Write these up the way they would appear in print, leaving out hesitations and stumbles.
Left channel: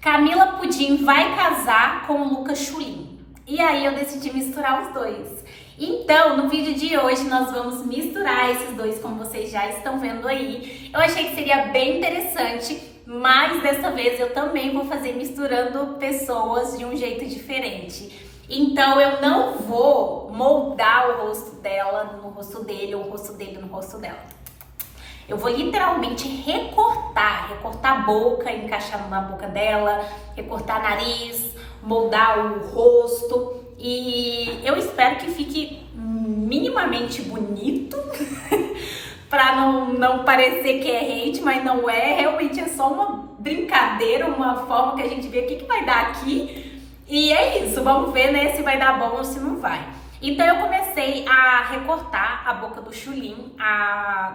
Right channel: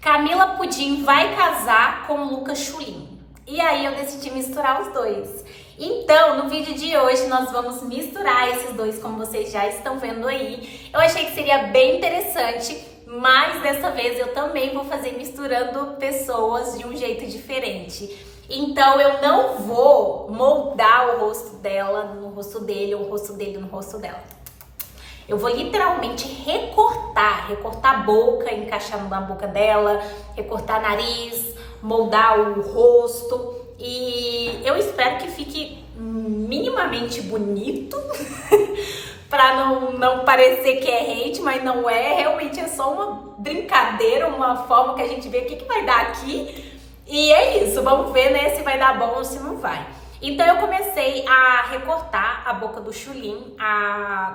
Camila Pudim vai casar com o Lucas Chulin. E aí eu decidi misturar os dois. Então, no vídeo de hoje nós vamos misturar esses dois, como vocês já estão vendo aí. Eu achei que seria bem interessante, mas dessa vez eu também vou fazer misturando pessoas de um jeito diferente. Então eu não vou moldar o rosto dela no rosto dele ou o rosto dele no rosto dela. Eu vou literalmente recortar a boca, encaixar na boca dela, recortar nariz, moldar o rosto. E eu espero que fique minimamente bonito, pra não parecer que é hate, mas não é. Realmente é só uma brincadeira, uma forma que a gente vê o que vai dar aqui. E é isso, vamos ver, né, se vai dar bom ou se não vai. Então eu comecei a recortar a boca do Chulin.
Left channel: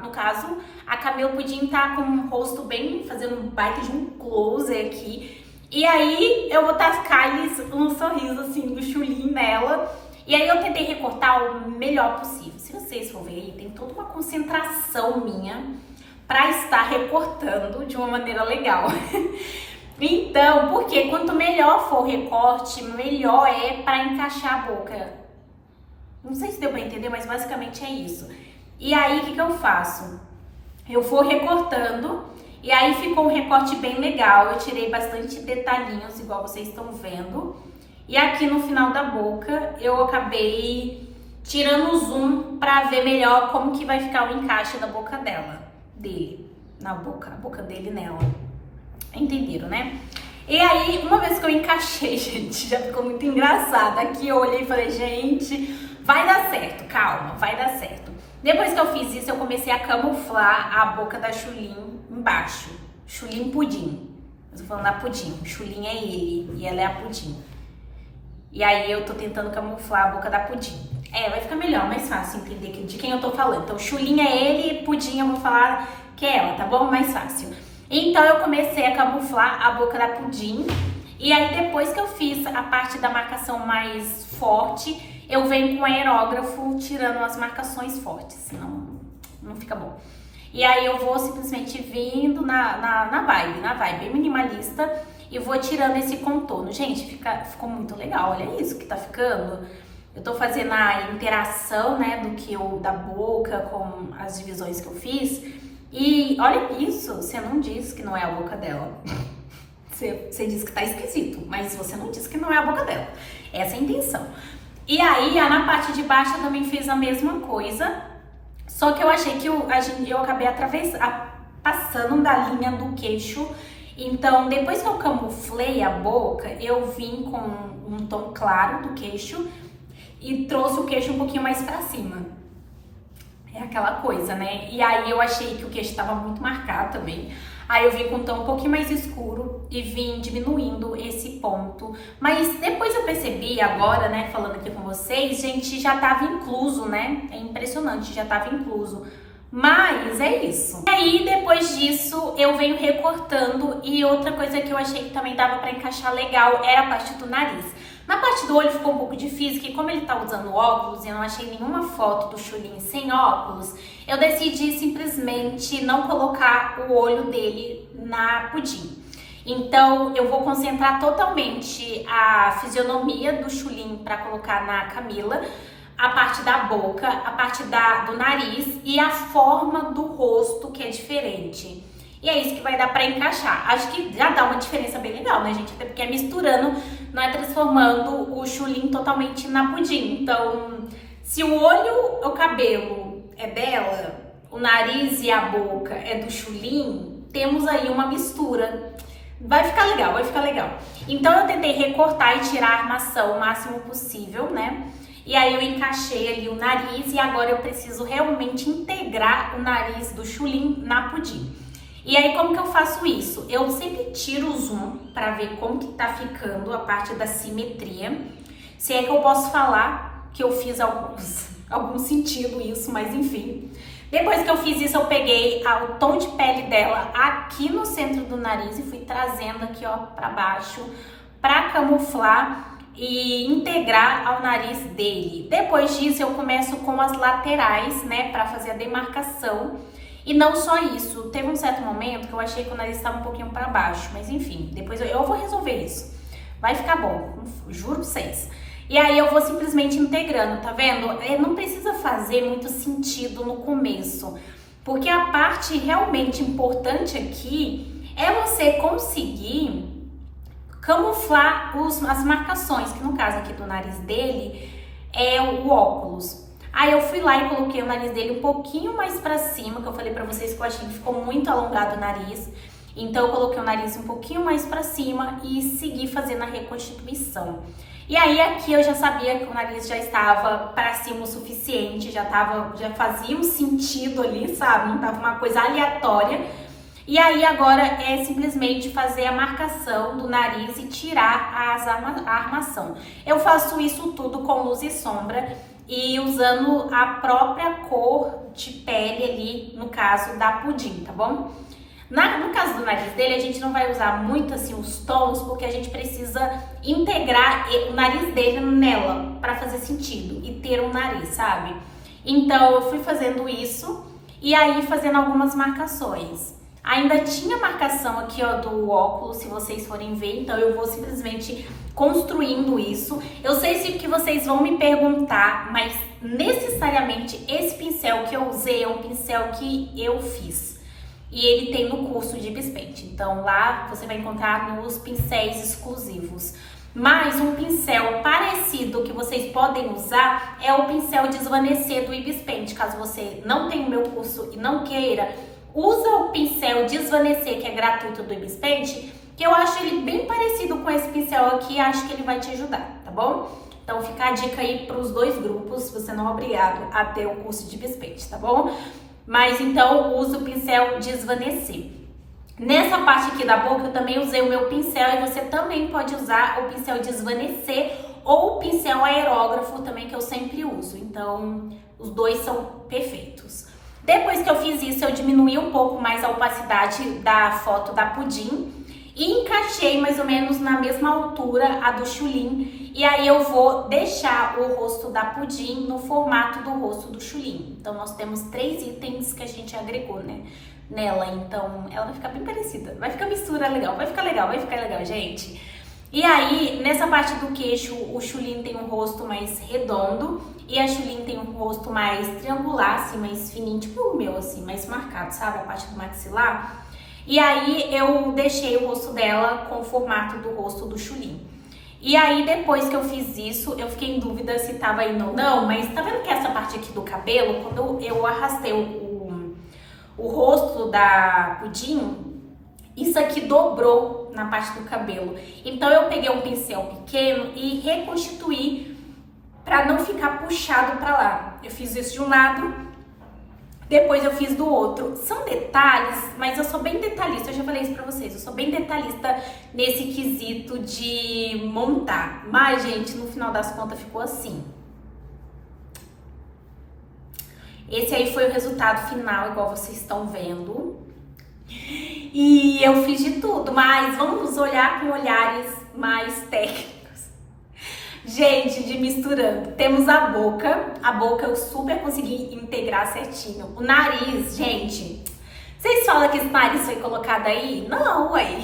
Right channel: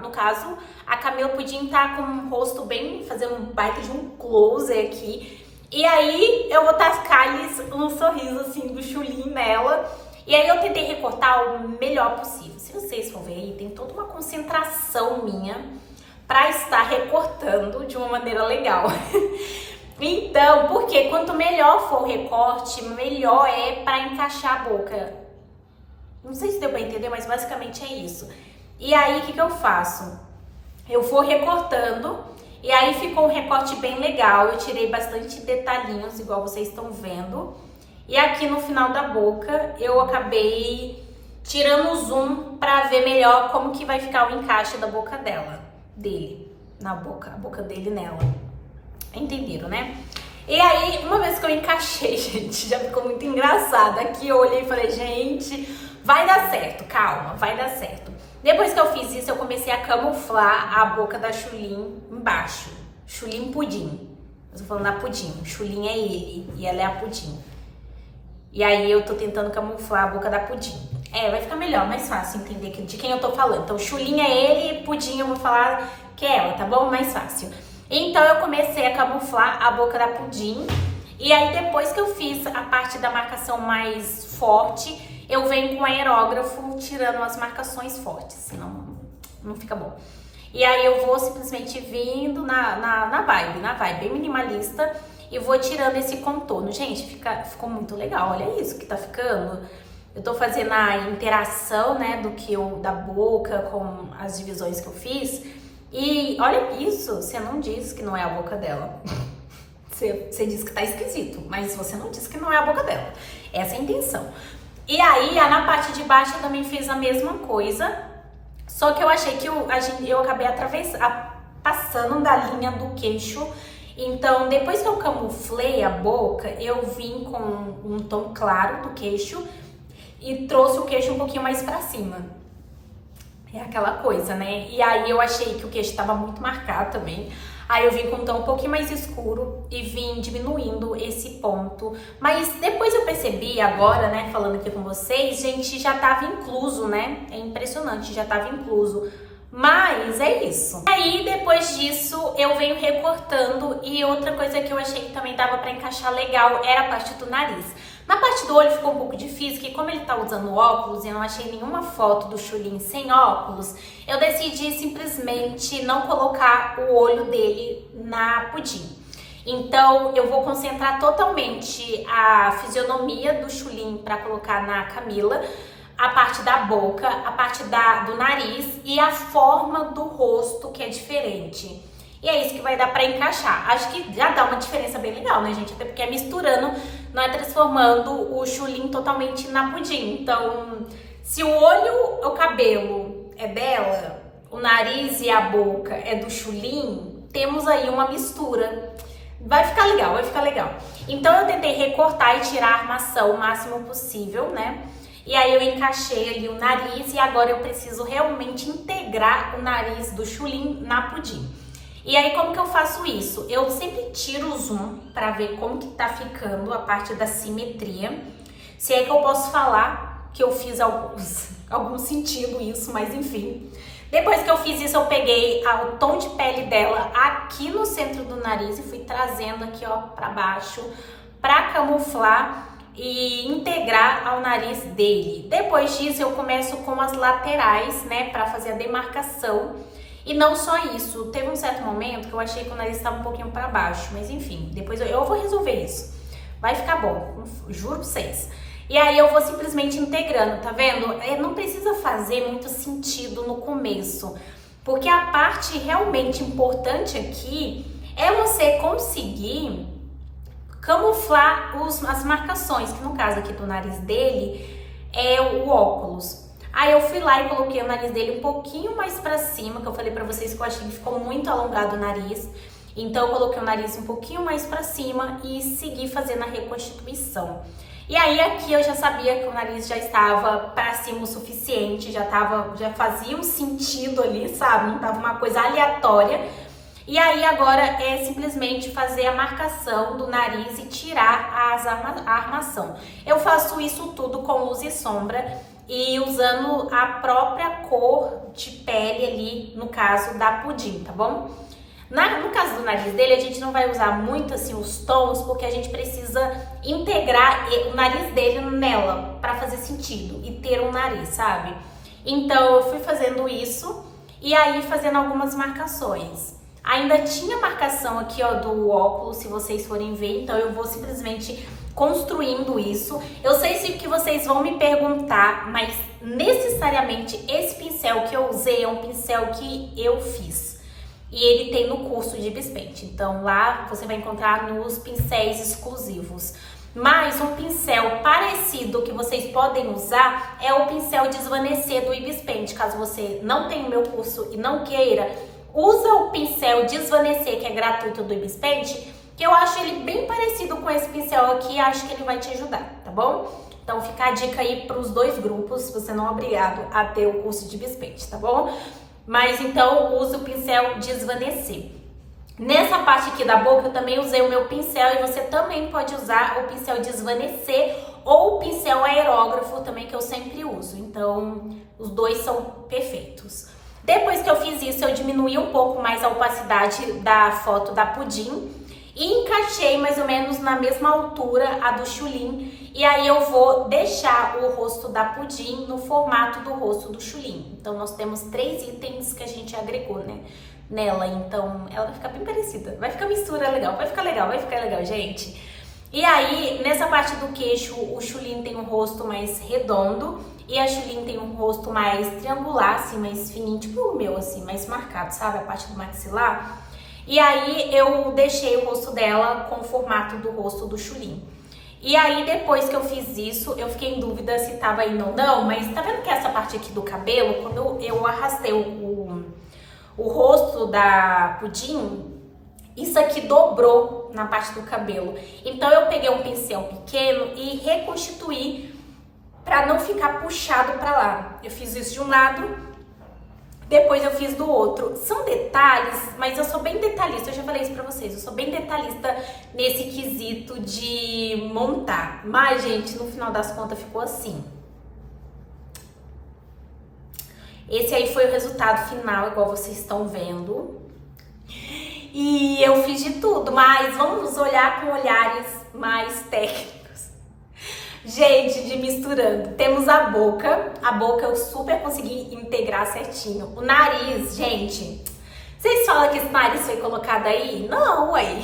No caso, a Camila Pudim tá com um rosto bem, fazendo um baita de um close aqui. E aí eu vou tascar um sorriso assim do Chulin nela. E aí eu tentei recortar o melhor possível. Se vocês for ver aí, tem toda uma concentração minha pra estar recortando de uma maneira legal. Então, porque quanto melhor for o recorte, melhor é pra encaixar a boca. Não sei se deu pra entender, mas basicamente é isso. E aí, o que eu faço? Eu vou recortando e aí ficou um recorte bem legal. Eu tirei bastante detalhinhos, igual vocês estão vendo. E aqui no final da boca, eu acabei tirando o zoom pra ver melhor como que vai ficar o encaixe da boca dele, a boca dele nela. Entenderam, né? E aí, uma vez que eu encaixei, gente, já ficou muito engraçado. Aqui eu olhei e falei, gente, vai dar certo, calma, vai dar certo. Depois que eu fiz isso, eu comecei a camuflar a boca da Chulin embaixo. Chulin Pudim. Eu tô falando da Pudim. Chulin é ele e ela é a Pudim. E aí eu tô tentando camuflar a boca da Pudim. Vai ficar melhor, mais fácil entender de quem eu tô falando. Então, Chulin é ele e Pudim eu vou falar que é ela, tá bom? Mais fácil. Então eu comecei a camuflar a boca da Pudim. E aí depois que eu fiz a parte da marcação mais forte, eu venho com o aerógrafo tirando as marcações fortes, senão não fica bom. E aí eu vou simplesmente vindo na vibe bem minimalista e vou tirando esse contorno. Gente, ficou muito legal, olha isso que tá ficando. Eu tô fazendo a interação, né, da boca com as divisões que eu fiz. E olha isso, você não disse que não é a boca dela. Você disse que tá esquisito, mas você não disse que não é a boca dela. Essa é a intenção. E aí, na parte de baixo eu também fiz a mesma coisa, só que eu achei que eu acabei passando da linha do queixo. Então, depois que eu camuflei a boca, eu vim com um tom claro do queixo e trouxe o queixo um pouquinho mais pra cima. É aquela coisa, né? E aí eu achei que o queixo estava muito marcado também. Aí eu vim com um tom um pouquinho mais escuro e vim diminuindo esse ponto. Mas depois eu percebi agora, né, falando aqui com vocês, gente, já tava incluso, né? É impressionante, já tava incluso. Mas é isso. E aí, depois disso, eu venho recortando. E outra coisa que eu achei que também dava pra encaixar legal era a parte do nariz. Na parte do olho ficou um pouco difícil, que como ele tá usando óculos e eu não achei nenhuma foto do Chulin sem óculos, eu decidi simplesmente não colocar o olho dele na Pudim. Então, eu vou concentrar totalmente a fisionomia do Chulin pra colocar na Camila, a parte da boca, a parte do nariz e a forma do rosto, que é diferente. E é isso que vai dar pra encaixar. Acho que já dá uma diferença bem legal, né, gente? Até porque é misturando, não é transformando o Chulin totalmente na Pudim. Então, se o olho, o cabelo é dela, o nariz e a boca é do Chulin, temos aí uma mistura. Vai ficar legal, vai ficar legal. Então, eu tentei recortar e tirar a armação o máximo possível, né? E aí eu encaixei ali o nariz e agora eu preciso realmente integrar o nariz do Chulin na Pudim. E aí como que eu faço isso? Eu sempre tiro o zoom pra ver como que tá ficando a parte da simetria. Se é que eu posso falar que eu fiz algum sentido isso, mas enfim. Depois que eu fiz isso, eu peguei o tom de pele dela aqui no centro do nariz e fui trazendo aqui, ó, pra baixo, pra camuflar e integrar ao nariz dele. Depois disso, eu começo com as laterais, né, pra fazer a demarcação. E não só isso, teve um certo momento que eu achei que o nariz estava um pouquinho para baixo, mas enfim, depois eu vou resolver isso. Vai ficar bom, juro pra vocês. E aí eu vou simplesmente integrando, tá vendo? Não precisa fazer muito sentido no começo, porque a parte realmente importante aqui é você conseguir camuflar as marcações, que no caso aqui do nariz dele é o óculos. Aí eu fui lá e coloquei o nariz dele um pouquinho mais pra cima, que eu falei pra vocês que eu achei que ficou muito alongado o nariz. Então eu coloquei o nariz um pouquinho mais pra cima e segui fazendo a reconstituição. E aí aqui eu já sabia que o nariz já estava pra cima o suficiente, já fazia um sentido ali, sabe? Não tava uma coisa aleatória. E aí agora é simplesmente fazer a marcação do nariz e tirar a armação. Eu faço isso tudo com luz e sombra e usando a própria cor de pele ali, no caso da Pudim, tá bom? No caso do nariz dele, a gente não vai usar muito assim os tons, porque a gente precisa integrar o nariz dele nela para fazer sentido e ter um nariz, sabe? Então eu fui fazendo isso e aí fazendo algumas marcações. Ainda tinha marcação aqui, ó, do óculos, se vocês forem ver, então eu vou simplesmente construindo isso. Eu sei que vocês vão me perguntar, mas necessariamente esse pincel que eu usei é um pincel que eu fiz. E ele tem no curso de Bispaint, então lá você vai encontrar nos pincéis exclusivos. Mas um pincel parecido que vocês podem usar é o pincel Desvanecer do Ibispaint. Caso você não tenha o meu curso e não queira, usa o pincel Desvanecer, que é gratuito do Ibispaint, que eu acho ele bem parecido com esse pincel aqui, acho que ele vai te ajudar, tá bom? Então fica a dica aí para os dois grupos, você não é obrigado a ter o curso de Bispaint, tá bom? Mas então use o pincel Desvanecer. Nessa parte aqui da boca eu também usei o meu pincel e você também pode usar o pincel Desvanecer ou o pincel aerógrafo também, que eu sempre uso. Então os dois são perfeitos. Depois que eu fiz isso, eu diminuí um pouco mais a opacidade da foto da Pudim e encaixei mais ou menos na mesma altura a do Chulin. E aí eu vou deixar o rosto da Pudim no formato do rosto do Chulin. Então nós temos 3 itens que a gente agregou, né, nela. Então ela vai ficar bem parecida. Vai ficar mistura legal, vai ficar legal, gente. E aí, nessa parte do queixo, o Chulin tem um rosto mais redondo e a Chulin tem um rosto mais triangular, assim, mais fininho, tipo o meu, assim, mais marcado, sabe? A parte do maxilar. E aí eu deixei o rosto dela com o formato do rosto do Chulin. E aí depois que eu fiz isso, eu fiquei em dúvida se tava indo ou não, mas tá vendo que essa parte aqui do cabelo, quando eu arrastei o rosto da Pudim, isso aqui dobrou na parte do cabelo. Então eu peguei um pincel pequeno e reconstituí pra não ficar puxado pra lá. Eu fiz isso de um lado, depois eu fiz do outro. São detalhes, mas eu sou bem detalhista, eu já falei isso pra vocês, eu sou bem detalhista nesse quesito de montar. Mas, gente, no final das contas ficou assim. Esse aí foi o resultado final, igual vocês estão vendo. E eu fiz de tudo, mas vamos olhar com olhares mais técnicos. Gente, de misturando. Temos a boca eu super consegui integrar certinho. O nariz, gente, vocês falam que esse nariz foi colocado aí? Não, ué.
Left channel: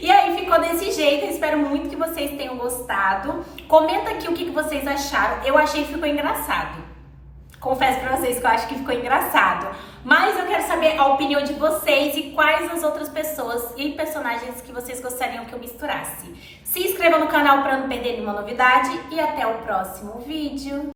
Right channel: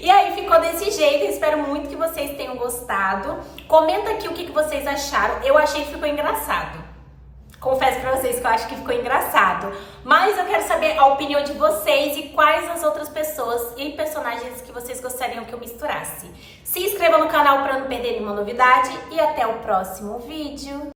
E aí ficou desse jeito, eu espero muito que vocês tenham gostado. Comenta aqui o que vocês acharam, eu achei que ficou engraçado. Confesso pra vocês que eu acho que ficou engraçado. Mas eu quero saber a opinião de vocês e quais as outras pessoas e personagens que vocês gostariam que eu misturasse. Se inscreva no canal para não perder nenhuma novidade e até o próximo vídeo.